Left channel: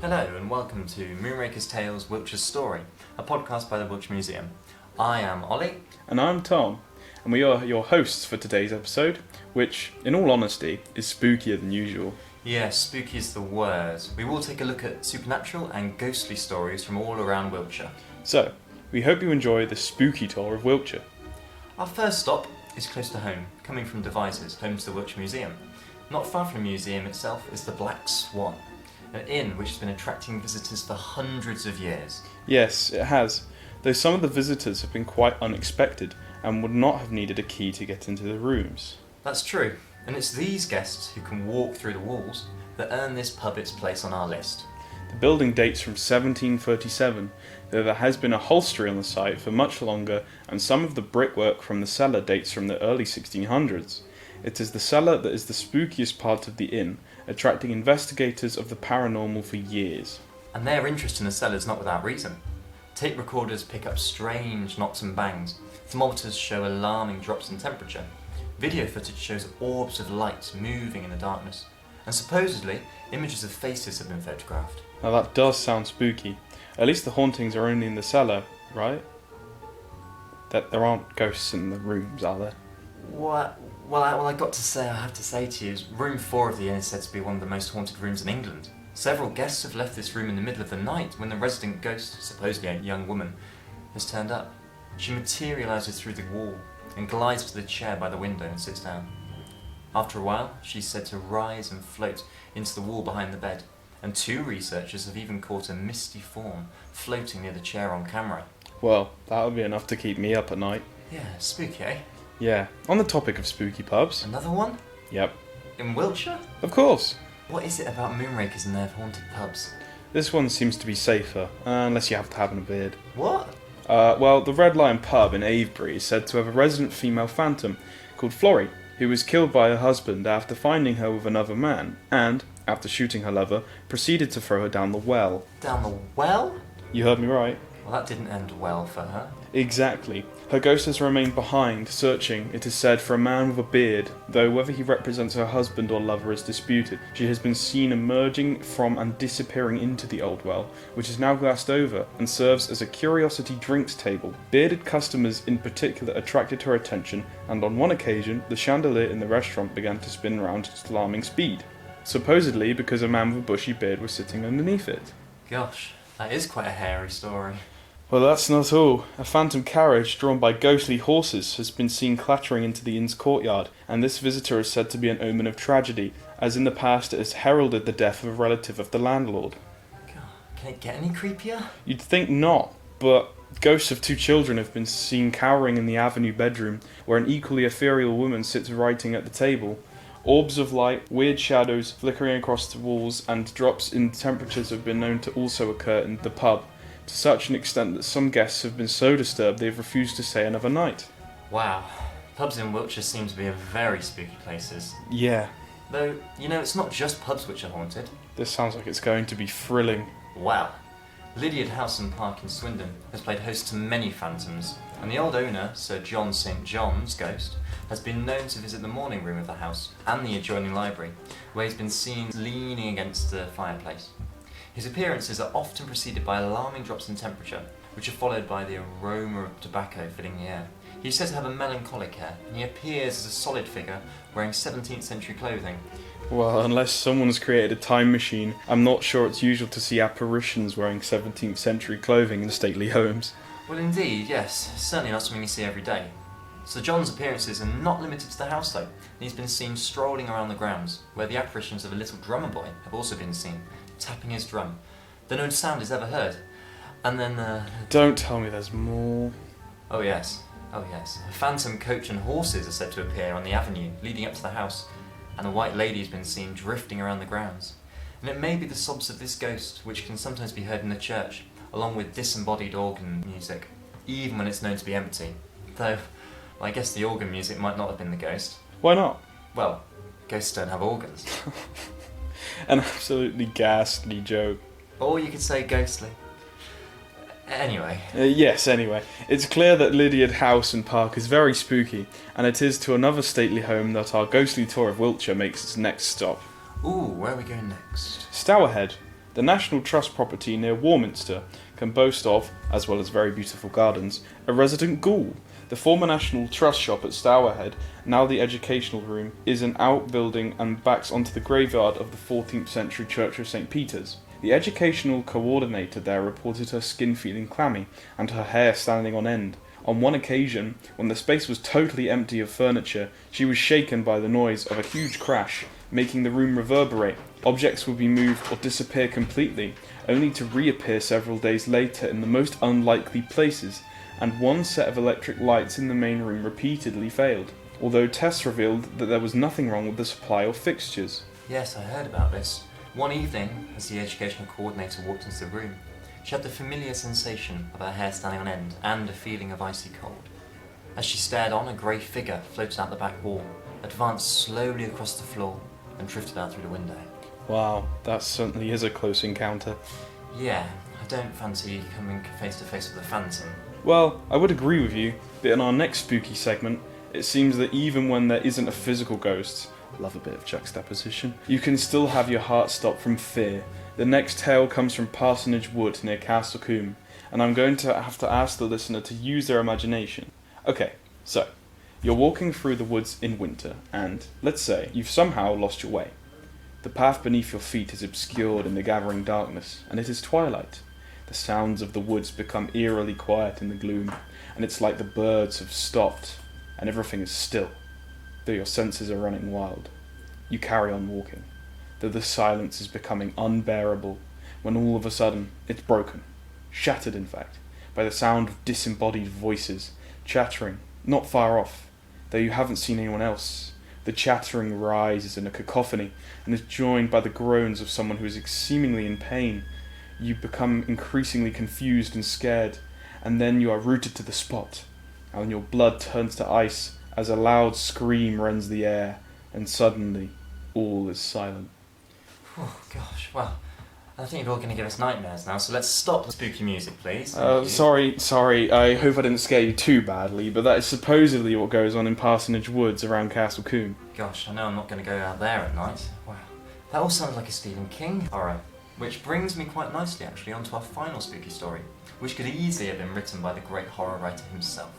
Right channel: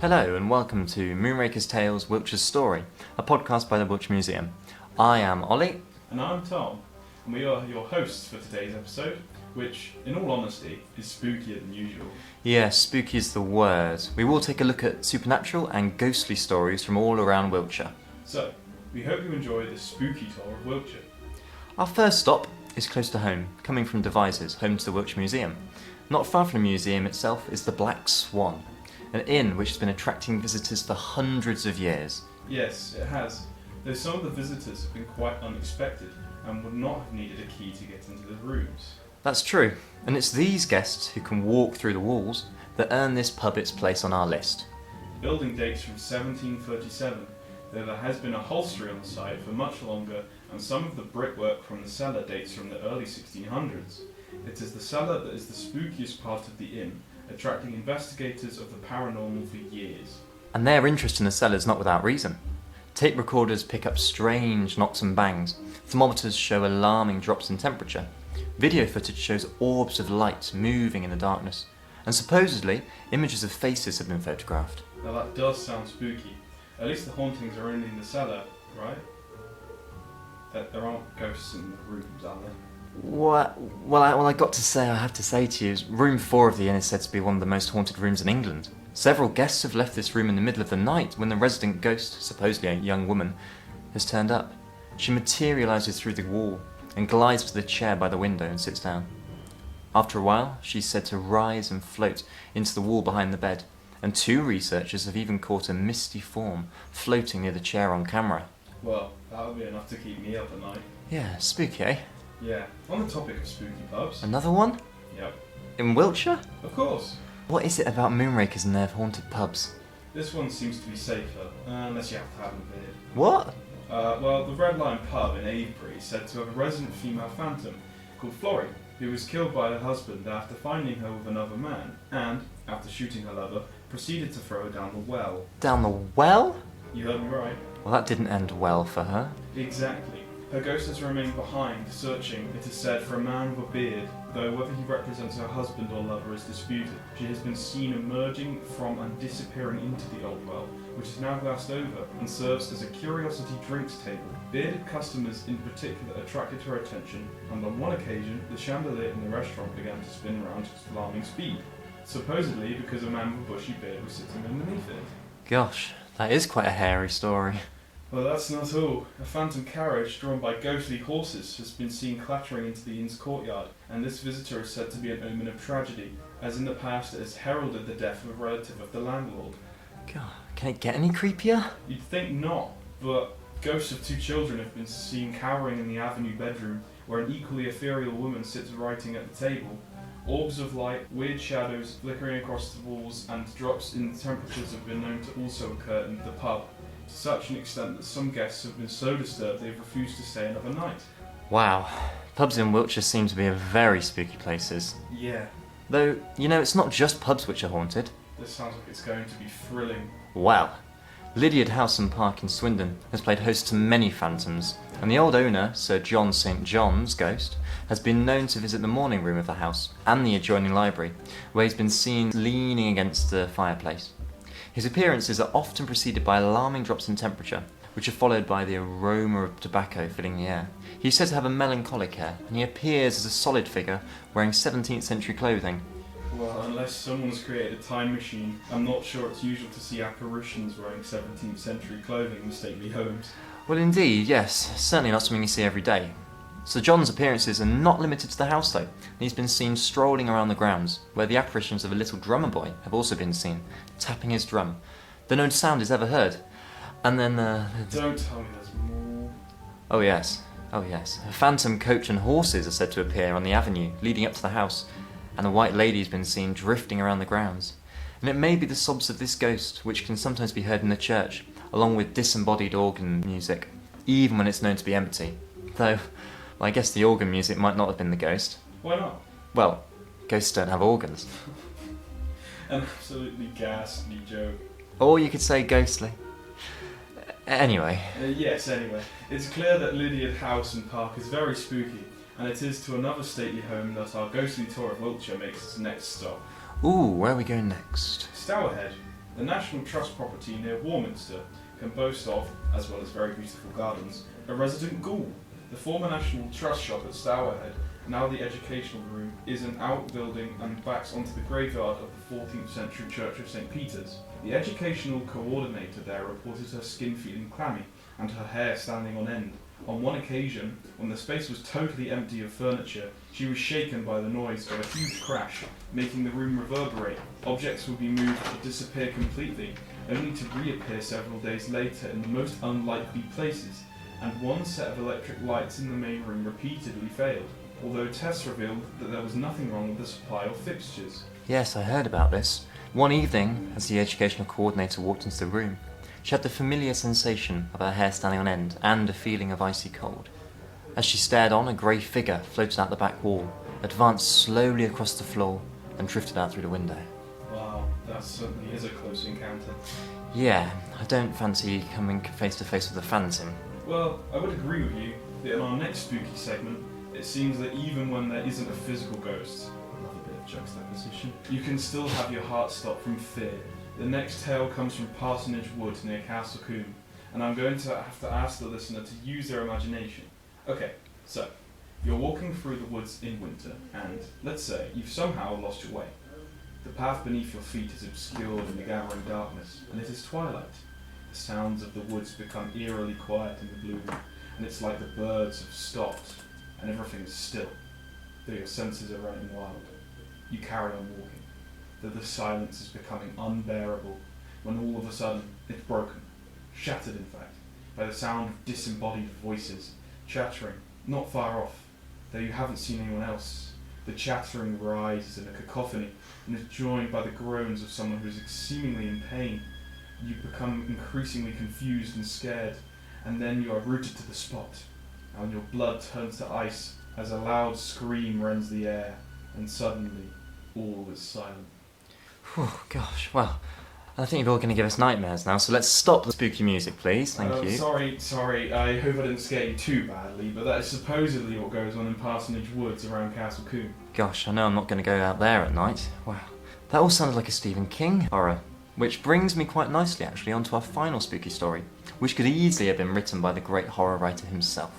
Hello and welcome to Moonrakers Tales, Wiltshire's Story, a podcast by the Wiltshire Museum. I am Olly. And I'm Tom, and we are your hosts for today's episode, which, in all honesty, is spookier than usual. Yes, spooky is the word. We will take a look at supernatural and ghostly stories from all around Wiltshire. So, we hope you enjoy the spooky tour of Wiltshire. Our first stop is close to home, coming from Devizes, home to the Wiltshire Museum. Not far from the museum itself is the Black Swan, an inn which has been attracting visitors for hundreds of years. Yes, it has, though some of the visitors have been quite unexpected and would not have needed a key to get into the rooms. That's true, and it's these guests who can walk through the walls that earn this pub its place on our list. The building dates from 1737, though there has been a hostelry on the site for much longer, and some of the brickwork from the cellar dates from the early 1600s. It is the cellar that is the spookiest part of the inn, attracting investigators of the paranormal for years. And their interest in the cellar is not without reason. Tape recorders pick up strange knocks and bangs, thermometers show alarming drops in temperature, video footage shows orbs of light moving in the darkness, and supposedly images of faces have been photographed. Now that does sound spooky. At least the hauntings are only in the cellar, right? That there aren't ghosts in the rooms, are there? Well, I got to say, I have to say to you, room 4 of the inn is said to be one of the most haunted rooms in England. Several guests have left this room in the middle of the night when the resident ghost, supposedly a young woman, has turned up. She materialises through the wall and glides to the chair by the window and sits down. After a while, she's said to rise and float into the wall behind the bed, and 2 researchers have even caught a misty form floating near the chair on camera. Well, that would be enough to keep me up at night. Yeah, spooky, eh? Yeah, on the topic of spooky pubs. Another one? Yep. In Wiltshire? Of course. What is it about Moonrakers and their haunted pubs? This one seems to be safer, unless you have to have a beard. What? Well, the Red Lion pub in Avebury is said to have a resident female phantom called Florrie, who was killed by her husband after finding her with another man, and, after shooting her lover, proceeded to throw her down the well. Down the well? You heard me right. Well, that didn't end well for her. Exactly. Her ghost has remained behind, searching, it is said, for a man with a beard, though whether he represents her husband or lover is disputed. She has been seen emerging from and disappearing into the old well, which is now glassed over and serves as a curiosity drinks table. Bearded customers in particular attracted her attention, and on one occasion, the chandelier in the restaurant began to spin round at alarming speed, supposedly because a man with a bushy beard was sitting underneath it. Gosh, that is quite a hairy story. Well, that's not all. A phantom carriage drawn by ghostly horses has been seen clattering into the inn's courtyard, and this visitor is said to be an omen of tragedy, as in the past it has heralded the death of a relative of the landlord. God, can it get any creepier? You'd think not, but ghosts of 2 children have been seen cowering in the avenue bedroom, where an equally ethereal woman sits writing at the table. Orbs of light, weird shadows flickering across the walls, and drops in temperatures have been known to also occur in the pub, to such an extent that some guests have been so disturbed they've refused to stay another night. Wow, pubs in Wiltshire seem to be very spooky places. Yeah. Though, it's not just pubs which are haunted. This sounds like it's going to be thrilling. Wow. Lydiard House and Park in Swindon has played host to many phantoms, and the old owner, Sir John St. John's ghost, has been known to visit the morning room of the house and the adjoining library, where he's been seen leaning against the fireplace. His appearances are often preceded by alarming drops in temperature, which are followed by the aroma of tobacco filling the air. He's said to have a melancholic air, and he appears as a solid figure wearing 17th century clothing. Well, unless someone's created a time machine, I'm not sure it's usual to see apparitions wearing 17th century clothing in stately homes. Well, indeed, yes. Certainly not something you see every day. Sir John's appearances are not limited to the house, though, and he's been seen strolling around the grounds, where the apparitions of a little drummer boy have also been seen, tapping his drum. The no sound is ever heard. And then, Don't tell me there's more. Oh yes. A phantom coach and horses are said to appear on the avenue leading up to the house, and a white lady has been seen drifting around the grounds. And it may be the sobs of this ghost, which can sometimes be heard in the church, along with disembodied organ music, even when it's known to be empty. Though, I guess the organ music might not have been the ghost. Why not? Well, ghosts don't have organs. An absolutely ghastly joke. Or you could say ghostly. Anyway. Anyway. It's clear that Lydiard House and Park is very spooky, and it is to another stately home that our ghostly tour of Wiltshire makes its next stop. Ooh, where are we going next? Stourhead. The National Trust property near Warminster can boast of, as well as very beautiful gardens, a resident ghoul. The former National Trust shop at Stourhead, now the educational room, is an outbuilding and backs onto the graveyard of the 14th century Church of St. Peter's. The educational coordinator there reported her skin feeling clammy and her hair standing on end. On one occasion, when the space was totally empty of furniture, she was shaken by the noise of a huge crash, making the room reverberate. Objects would be moved or disappear completely, only to reappear several days later in the most unlikely places, and one set of electric lights in the main room repeatedly failed, although tests revealed that there was nothing wrong with the supply of fixtures. Yes, I heard about this. One evening, as the educational coordinator walked into the room, she had the familiar sensation of her hair standing on end and a feeling of icy cold. As she stared on, a grey figure floated out the back wall, advanced slowly across the floor, and drifted out through the window. Wow, that certainly is a close encounter. Yeah, I don't fancy coming face to face with a phantom. Well, I would agree with you, but in our next spooky segment, it seems that even when there isn't a physical ghost, love a bit of juxtaposition, you can still have your heart stop from fear. The next tale comes from Parsonage Wood near Castle Combe, and I'm going to have to ask the listener to use their imagination. Okay, so, you're walking through the woods in winter, and, let's say, you've somehow lost your way. The path beneath your feet is obscured in the gathering darkness, and it is twilight. The sounds of the woods become eerily quiet in the gloom, and it's like the birds have stopped, and everything is still, though your senses are running wild. You carry on walking, though the silence is becoming unbearable, when all of a sudden it's broken, shattered in fact, by the sound of disembodied voices, chattering, not far off, though you haven't seen anyone else. The chattering rises in a cacophony and is joined by the groans of someone who is seemingly in pain. You become increasingly confused and scared, and then you are rooted to the spot, and your blood turns to ice as a loud scream rends the air, and suddenly all is silent. Oh gosh, well, I think you're all going to give us nightmares now, so let's stop the spooky music, please. Thank you. Sorry, I hope I didn't scare you too badly, but that is supposedly what goes on in Parsonage Woods around Castle Combe. Gosh, I know I'm not going to go out there at night. Wow, that all sounded like a Stephen King horror. Which brings me quite nicely, actually, onto our final spooky story, which could easily have been written by the great horror writer himself.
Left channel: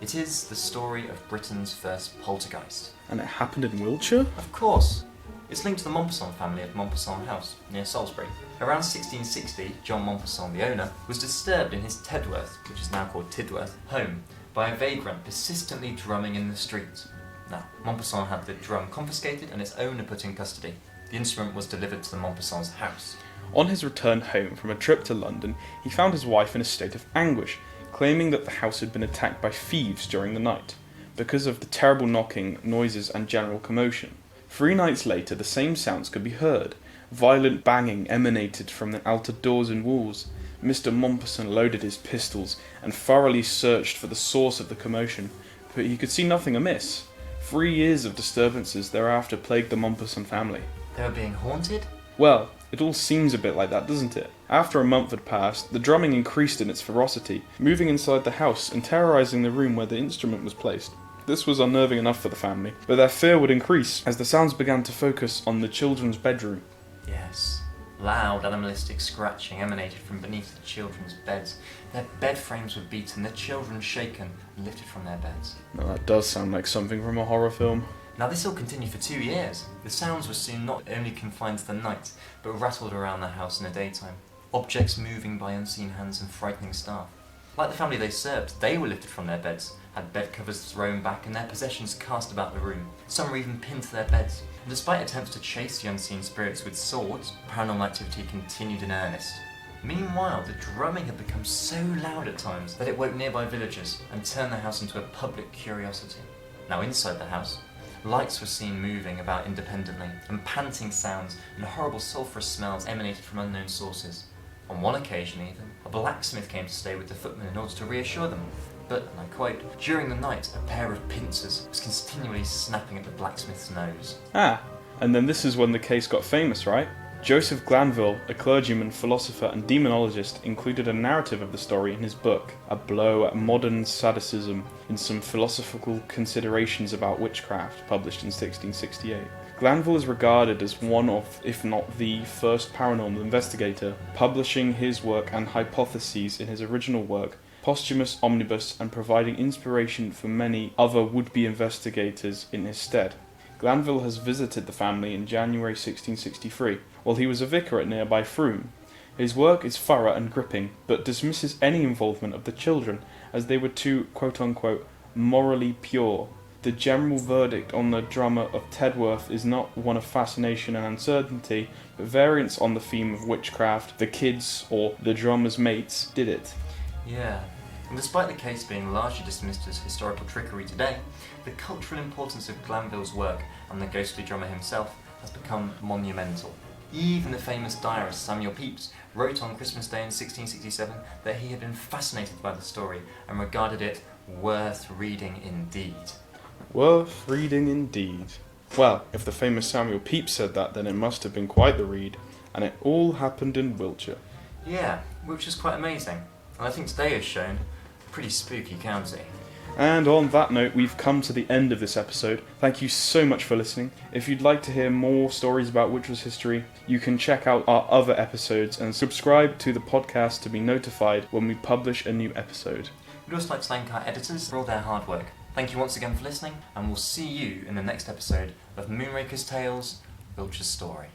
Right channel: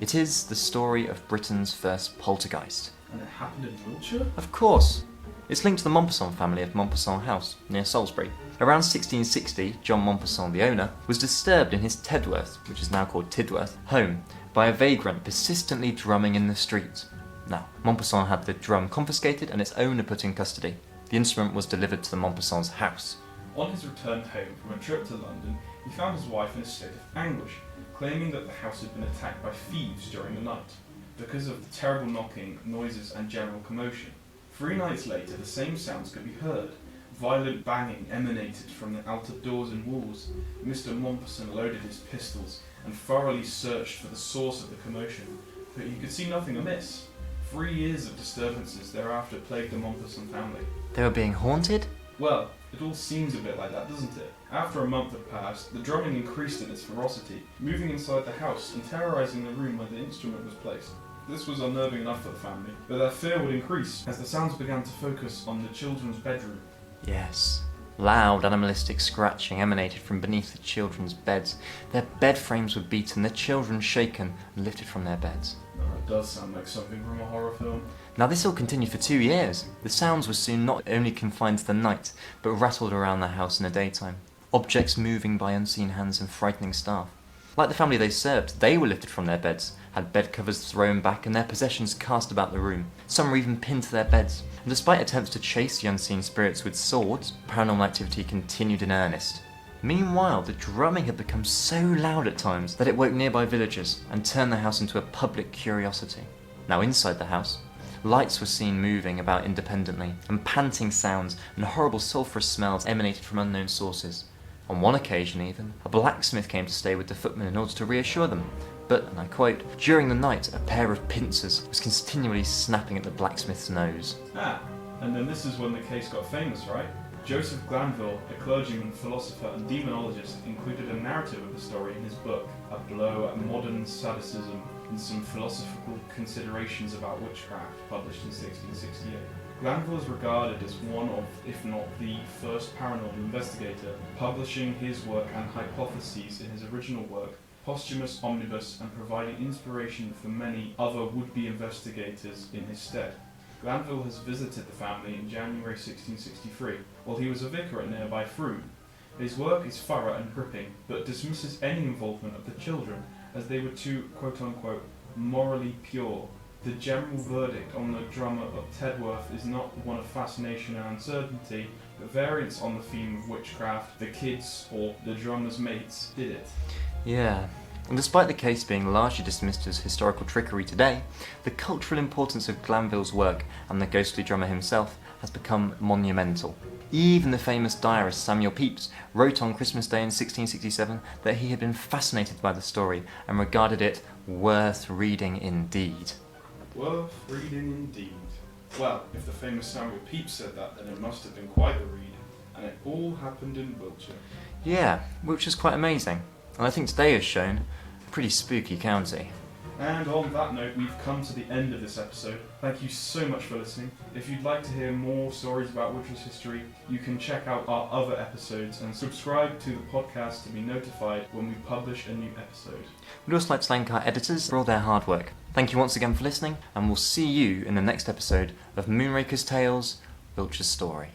It is the story of Britain's first poltergeist. And it happened in Wiltshire? Of course. It's linked to the Mompesson family of Mompesson House, near Salisbury. Around 1660, John Mompesson, the owner, was disturbed in his Tedworth, which is now called Tidworth, home, by a vagrant persistently drumming in the street. Now, Mompesson had the drum confiscated and its owner put in custody. The instrument was delivered to the Mompesson's house. On his return home from a trip to London, he found his wife in a state of anguish, claiming that the house had been attacked by thieves during the night, because of the terrible knocking, noises and general commotion. 3 nights later, the same sounds could be heard. Violent banging emanated from the altered doors and walls. Mr. Mompesson loaded his pistols and thoroughly searched for the source of the commotion, but he could see nothing amiss. 3 years of disturbances thereafter plagued the Mompesson family. They were being haunted? Well, it all seems a bit like that, doesn't it? After a month had passed, the drumming increased in its ferocity, moving inside the house and terrorising the room where the instrument was placed. This was unnerving enough for the family, but their fear would increase as the sounds began to focus on the children's bedroom. Yes. Loud, animalistic scratching emanated from beneath the children's beds. Their bed frames were beaten, the children shaken and lifted from their beds. Now that does sound like something from a horror film. Now this all continued for 2 years. The sounds were soon not only confined to the night, but rattled around the house in the daytime. Objects moving by unseen hands and frightening staff. Like the family they served, they were lifted from their beds, had bed covers thrown back and their possessions cast about the room. Some were even pinned to their beds. And despite attempts to chase the unseen spirits with swords, paranormal activity continued in earnest. Meanwhile, the drumming had become so loud at times that it woke nearby villagers and turned the house into a public curiosity. Now inside the house, lights were seen moving about independently, and panting sounds and horrible sulphurous smells emanated from unknown sources. On one occasion even, a blacksmith came to stay with the footmen in order to reassure them. But, and I quote, during the night a pair of pincers was continually snapping at the blacksmith's nose. Ah, and then this is when the case got famous, right? Joseph Glanville, a clergyman, philosopher and demonologist, included a narrative of the story in his book, A Blow at Modern Sadism in Some Philosophical Considerations About Witchcraft, published in 1668. Glanville is regarded as one of, if not the first paranormal investigator, publishing his work and hypotheses in his original work, Posthumous Omnibus, and providing inspiration for many other would-be investigators in his stead. Glanville has visited the family in January 1663, while he was a vicar at nearby Frome. His work is thorough and gripping, but dismisses any involvement of the children, as they were too quote-unquote morally pure. The general verdict on the Drummer of Tedworth is not one of fascination and uncertainty, but variance on the theme of witchcraft. The kids, or the drummer's mates, did it. Yeah, and despite the case being largely dismissed as historical trickery today, the cultural importance of Glanville's work and the ghostly drummer himself has become monumental. Even the famous diarist Samuel Pepys wrote on Christmas Day in 1667 that he had been fascinated by the story and regarded it worth reading indeed. Worth reading indeed. Well, if the famous Samuel Pepys said that, then it must have been quite the read, and it all happened in Wiltshire. Yeah, which is quite amazing, and I think today has shown a pretty spooky county. And on that note, we've come to the end of this episode. Thank you so much for listening. If you'd like to hear more stories about Wiltshire's history, you can check out our other episodes and subscribe to the podcast to be notified when we publish a new episode. We'd also like to thank our editors for all their hard work. Thank you once again for listening, and we'll see you in the next episode of Moonrakers Tales, Wiltshire's Story.